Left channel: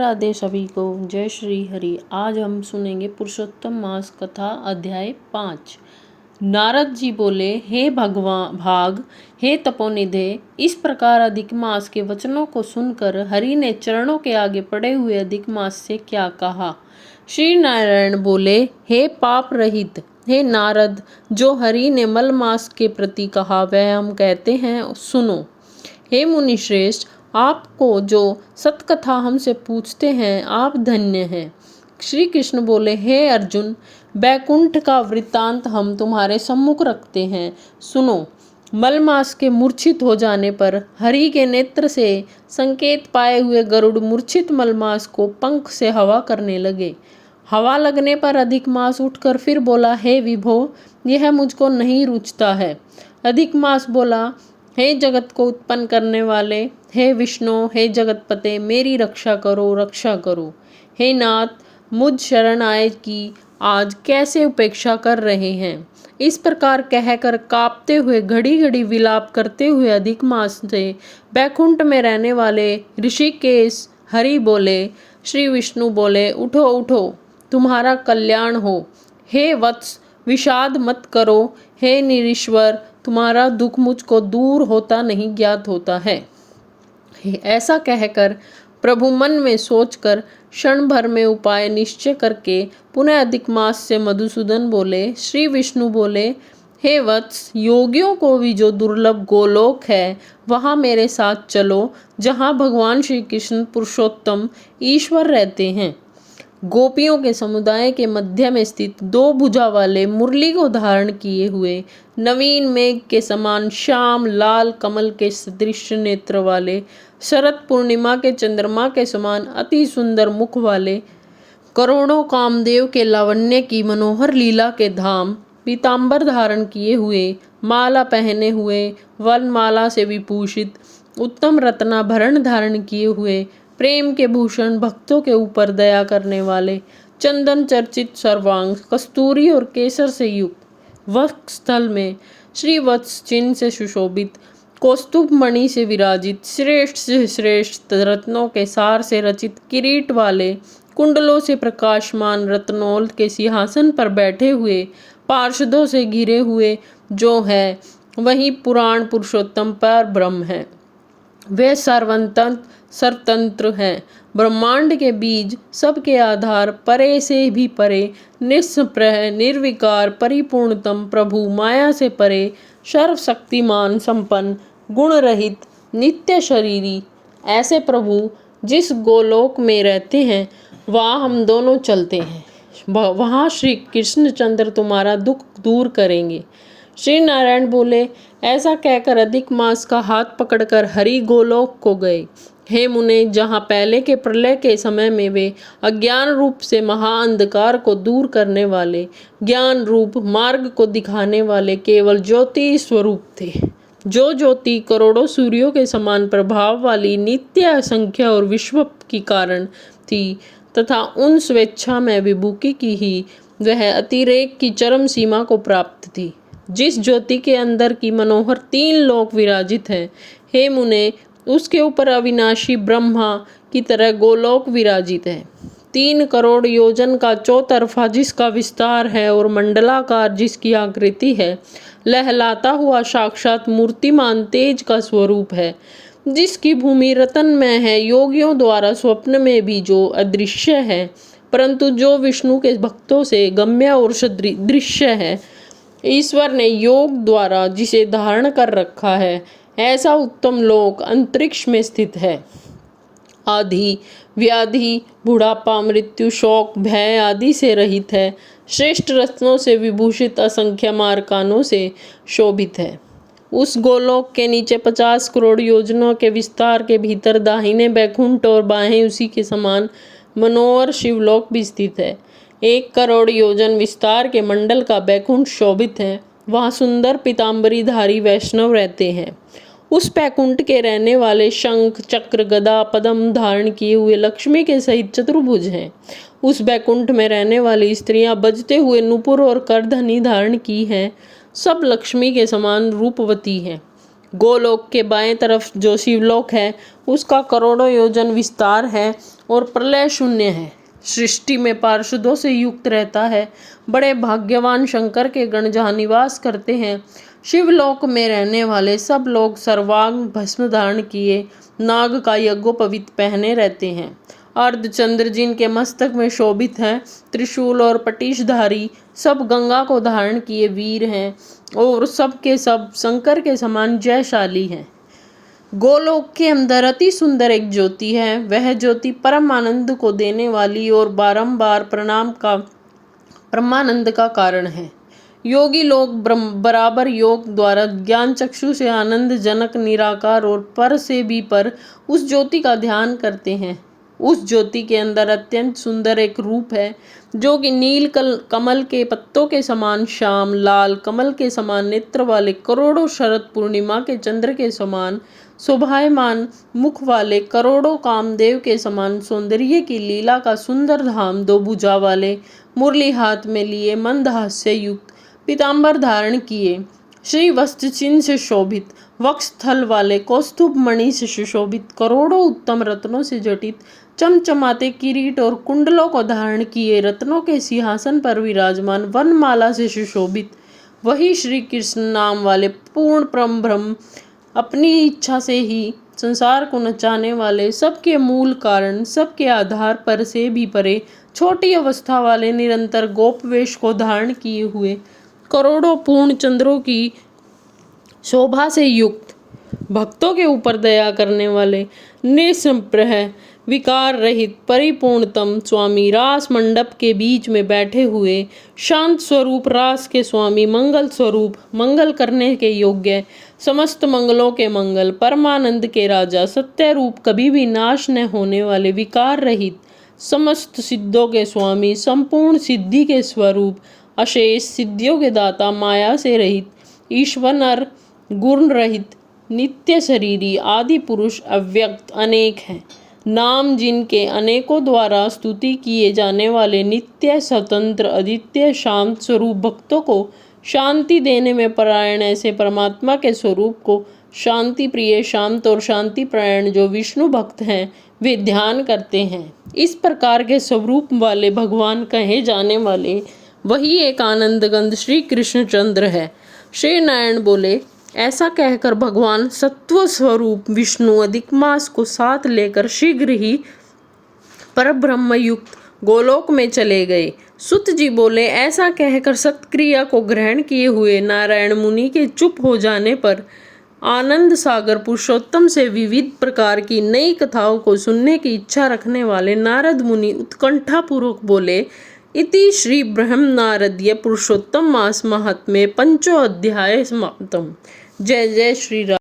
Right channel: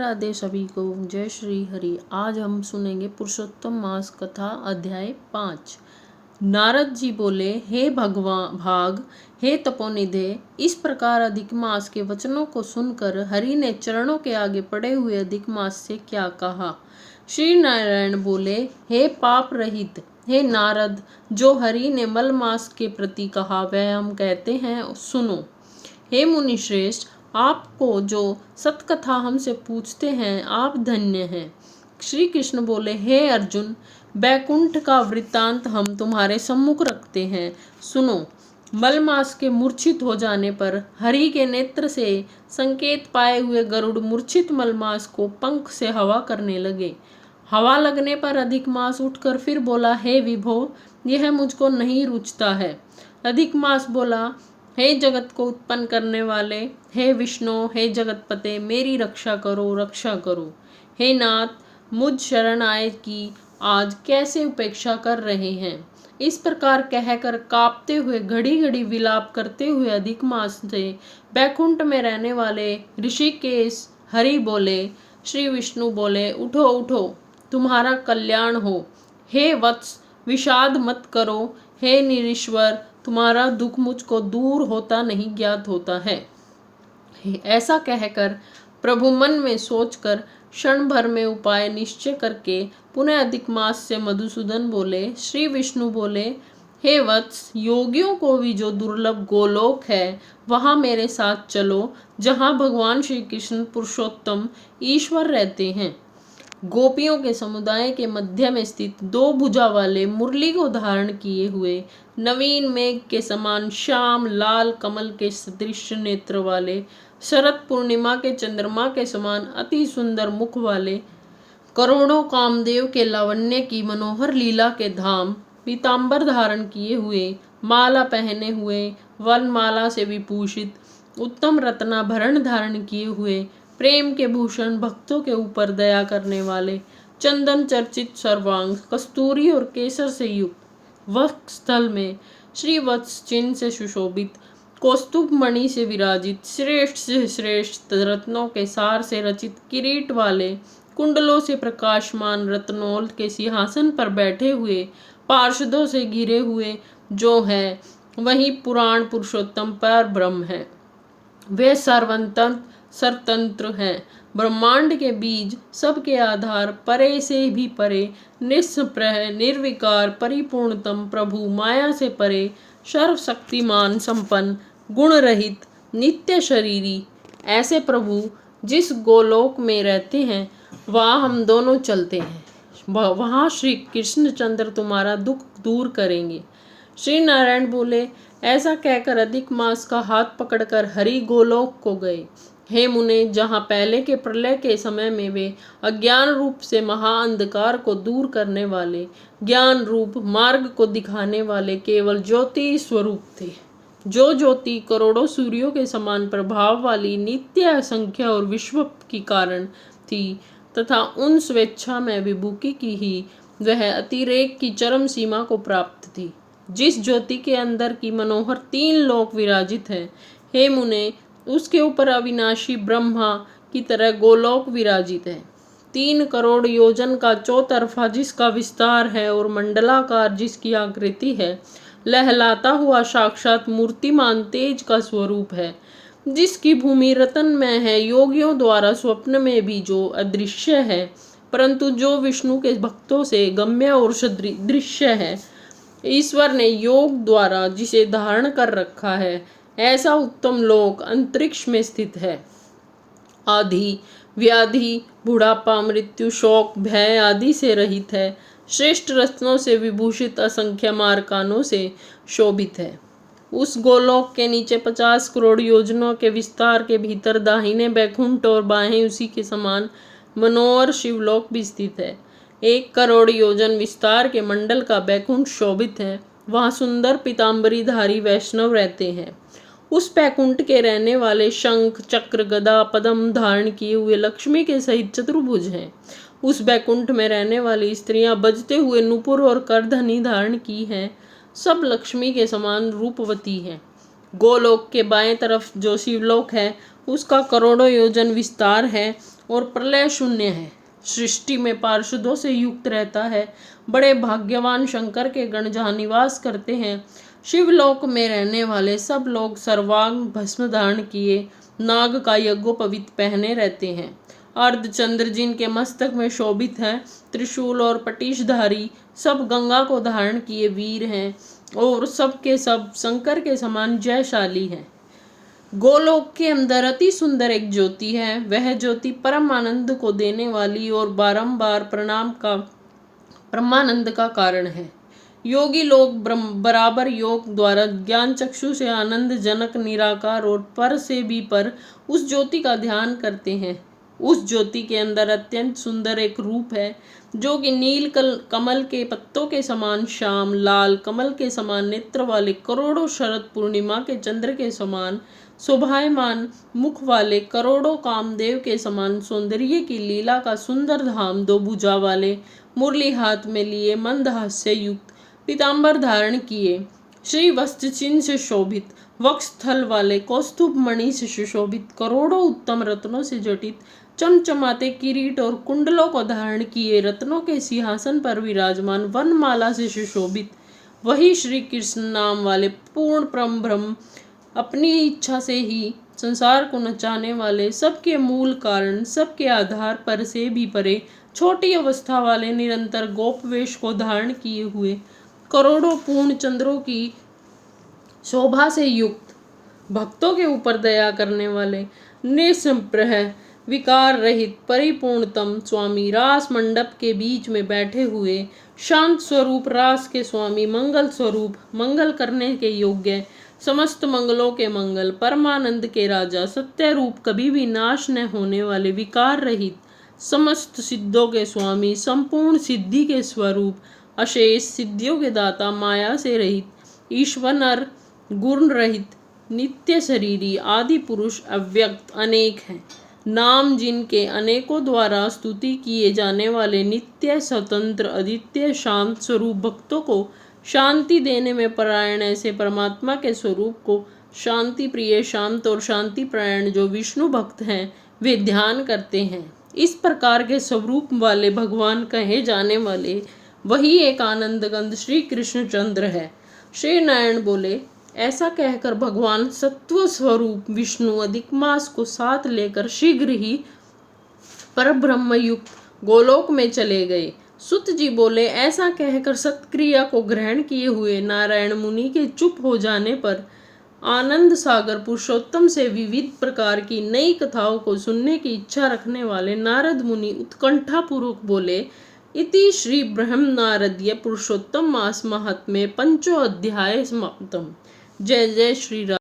राधे सभी को। जय श्री हरि। आज हम सुनेंगे पुरुषोत्तम मास कथा अध्याय 5। नारद जी बोले, हे भगवान भाग, हे तपोनिधे, इस प्रकार अधिक मास के वचनों को सुनकर हरि ने चरणों के आगे पड़े हुए अधिक मास से क्या कहा। श्री नारायण बोले, हे पाप रहित, हे नारद, जो हरि ने मल मास के प्रति कहा वह हम कहते हैं, सुनो। हे मुनि श्रेष्ठ, आपको जो सतकथा हमसे पूछते हैं आप धन्य हैं। श्री कृष्ण बोले, हे अर्जुन, बैकुंठ का वृत्तांत हम तुम्हारे सम्मुख रखते हैं, सुनो। मलमास के मूर्छित हो जाने पर हरि के नेत्र से संकेत पाए हुए गरुड़ मूर्छित मलमास को पंख से हवा करने लगे। हवा लगने पर अधिक मास उठकर फिर बोला, हे विभो, यह मुझको नहीं रुचता है। अधिक मास बोला, हे जगत को उत्पन्न करने वाले, हे विष्णु, हे जगतपते, मेरी रक्षा करो, रक्षा करो। हे नाथ, मुझ शरण आए की आज कैसे उपेक्षा कर रहे हैं। इस प्रकार कहकर कांपते हुए घड़ी घड़ी विलाप करते हुए अधिक मास से बैकुंठ में रहने वाले ऋषिकेश हरि बोले। श्री विष्णु बोले, उठो उठो, तुम्हारा कल्याण हो। हे वत्स, विषाद मत करो। हे निरीश्वर, तुम्हारा दुख मुझको दूर होता नहीं ज्ञात होता है। ऐसा कहकर प्रभु मन में सोचकर क्षण भर में उपाय निश्चय करके पुनः अधिक मास से मधुसूदन बोले। श्री विष्णु बोले, हे वत्स, योगियों को भी जो दुर्लभ गोलोक है वहाँ मेरे साथ चलो, जहाँ भगवान श्री कृष्ण पुरुषोत्तम ईश्वर रहते हैं। गोपियों के समुदाय के मध्य में स्थित दो भुजा वाले मुरली को धारण किए हुए नवीन मेघ के समान श्याम लाल कमल के सदृश नेत्र वाले, शरद पूर्णिमा के चंद्रमा के समान अति सुंदर मुख वाले, करोड़ों कामदेव के लावण्य की मनोहर लीला के धाम, पीतांबर धारण किए हुए, माला पहने हुए, वनमाला से विभूषित, उत्तम रत्नाभरण धारण किए हुए, प्रेम के भूषण, भक्तों के ऊपर दया करने वाले, चंदन चर्चित सर्वांग, कस्तूरी और केसर से युक्त, वक्ष स्थल में श्री वत्स चिन्ह से सुशोभित, कौस्तुभ मणि से विराजित, श्रेष्ठ से श्रेष्ठ रत्नों के सार से रचित किरीट वाले, कुंडलों से प्रकाशमान रत्नौल के सिंहासन पर बैठे हुए, पार्षदों से घिरे हुए जो है वही पुराण पुरुषोत्तम पर ब्रह्म है। वे सर्वतंत्र हैं, ब्रह्मांड के बीज, सबके आधार, परे से भी परे, निस्प्रह निर्विकार परिपूर्णतम प्रभु, माया से परे, सर्वशक्तिमान संपन्न, गुण रहित, नित्य शरीरी, ऐसे प्रभु जिस गोलोक में रहते हैं वहाँ हम दोनों चलते हैं। वहाँ श्री कृष्णचंद्र तुम्हारा दुख दूर करेंगे। श्री नारायण बोले, ऐसा कहकर अधिक मास का हाथ पकड़कर हरि गोलोक को गए। हे मुने, जहाँ पहले के प्रलय के समय में वे अज्ञान रूप से महाअंधकार को दूर करने वाले, ज्ञान रूप मार्ग को दिखाने वाले केवल ज्योति स्वरूप थे, जो ज्योति करोड़ों सूर्यों के समान प्रभाव वाली, नित्य असंख्य और विश्व की कारण थी, तथा उन स्वेच्छा में विभूति की ही वह अतिरेक की चरम सीमा को प्राप्त थी, जिस ज्योति के अंदर की मनोहर 3 लोक विराजित है। हे मुने, उसके ऊपर अविनाशी ब्रह्मा की तरह गोलोक विराजित है। 3 करोड़ योजन का चौतरफा जिसका विस्तार है और मंडलाकार जिसकी आकृति है, लहलाता हुआ साक्षात मूर्तिमान तेज का स्वरूप है, जिसकी भूमि रतन में है, योगियों द्वारा स्वप्न में भी जो अदृश्य है, परंतु जो विष्णु के भक्तों से गम्य और दृश्य है, ईश्वर ने योग द्वारा जिसे धारण कर रखा है, ऐसा उत्तम लोक अंतरिक्ष में स्थित है। आदि व्याधि बुढ़ापा मृत्यु शोक भय आदि से रहित है, श्रेष्ठ रत्नों से विभूषित असंख्य मार्कानों से शोभित है। उस गोलोक के नीचे 50 करोड़ योजनों के विस्तार के भीतर दाहिने बैकुंठ और बाहें उसी के समान मनोहर शिवलोक भी स्थित है। 1 करोड़ योजन विस्तार के मंडल का बैकुंठ शोभित है, वहाँ सुंदर पीताम्बरी धारी वैष्णव रहते हैं। उस बैकुंठ के रहने वाले शंख चक्र गदा पद्म धारण किए हुए लक्ष्मी के सहित चतुर्भुज हैं। उस बैकुंठ में रहने वाली स्त्रियां बजते हुए नुपुर और करधनी धारण की हैं, सब लक्ष्मी के समान रूपवती हैं। गोलोक के बाएं तरफ जो शिवलोक है उसका करोड़ों योजन विस्तार है और प्रलय शून्य है। सृष्टि में पार्षदों से युक्त रहता है। बड़े भाग्यवान शंकर के गण जहाँ निवास करते हैं। शिवलोक में रहने वाले सब लोग सर्वांग भस्म धारण किए नाग का यज्ञोपवीत पहने रहते हैं। अर्धचंद्र जिनके मस्तक में शोभित है, त्रिशूल और पटीशधारी सब गंगा को धारण किए वीर हैं और सब के सब शंकर के समान जयशाली हैं। गोलोक के अंदर अति सुंदर एक ज्योति है। वह ज्योति परम आनंद को देने वाली और बारंबार परमानंद का कारण है। योगी लोग बराबर योग द्वारा ज्ञान चक्षु से आनंद जनक निराकार और पर से भी पर उस ज्योति का ध्यान करते हैं। उस ज्योति के अंदर अत्यंत सुंदर एक रूप है जो कि नील कमल के पत्तों के समान श्याम, लाल कमल के समान नेत्र वाले, करोड़ों शरद पूर्णिमा के चंद्र के समान शोभायमान मुख वाले, करोड़ों कामदेव के समान सौंदर्य की लीला का सुंदर धाम, दो भुजा वाले, मुरली हाथ में लिए, मंद हास्य युक्त, पीतांबर धारण किए, श्री वस्त्र चिन्ह से शोभित, वक्षस्थल वाले, कौस्तुभ मणि से सुशोभित, करोड़ों उत्तम रत्नों से जटित, चमचमाते किरीट और कुंडलों को धारण किए, रत्नों के सिंहासन पर विराजमान, वनमाला से सुशोभित, वही श्री कृष्ण नाम वाले पूर्ण परम ब्रह्म, अपनी इच्छा से ही संसार को नचाने वाले, सबके मूल कारण, सबके आधार पर से भी परे, छोटी अवस्था वाले, निरंतर गोप वेश को धारण किए हुए, करोड़ों पूर्ण चंद्रों की शोभा से युक्त, भक्तों के ऊपर दया करने वाले, निसंप्रह विकार रहित परिपूर्णतम स्वामी, रास मंडप के बीच में बैठे हुए, शांत स्वरूप रास के स्वामी, मंगल स्वरूप, मंगल करने के योग्य, समस्त मंगलों के मंगल, परमानंद के राजा, सत्य रूप, कभी भी नाश न होने वाले, विकार रहित, समस्त सिद्धों के स्वामी, संपूर्ण सिद्धि के स्वरूप, अशेष सिद्धियों के दाता, माया से रहित, ईश्वर गुण रहित, नित्य शरीरी, आदि पुरुष, अव्यक्त, अनेक हैं। नाम जिनके अनेकों द्वारा स्तुति किए जाने वाले, नित्य स्वतंत्र, अद्वितीय, शांत स्वरूप, भक्तों को शांति देने में परायण ऐसे परमात्मा के स्वरूप को शांति प्रिय, शांत और शांति परायण जो विष्णु भक्त हैं वे ध्यान करते हैं। इस प्रकार के स्वरूप वाले भगवान कहे जाने वाले वही एक आनंदगंध श्री कृष्णचंद्र है। श्री नारायण बोले, ऐसा कहकर भगवान सत्व स्वरूप विष्णु अधिक मास को साथ लेकर शीघ्र ही परब्रह्म युक्त गोलोक में चले गए। सुत जी बोले, ऐसा कहकर सत्क्रिया को ग्रहण किए हुए नारायण मुनि के चुप हो जाने पर आनंद सागर पुरुषोत्तम से विविध प्रकार की नई कथाओं को सुनने की इच्छा रखने वाले नारद मुनि उत्कंठा पूर्वक बोले, इति श्री ब्रह्म नारदीय पुरुषोत्तम मास महात्म्ये पंचो अध्याय समाप्तम। जय जय श्री राम।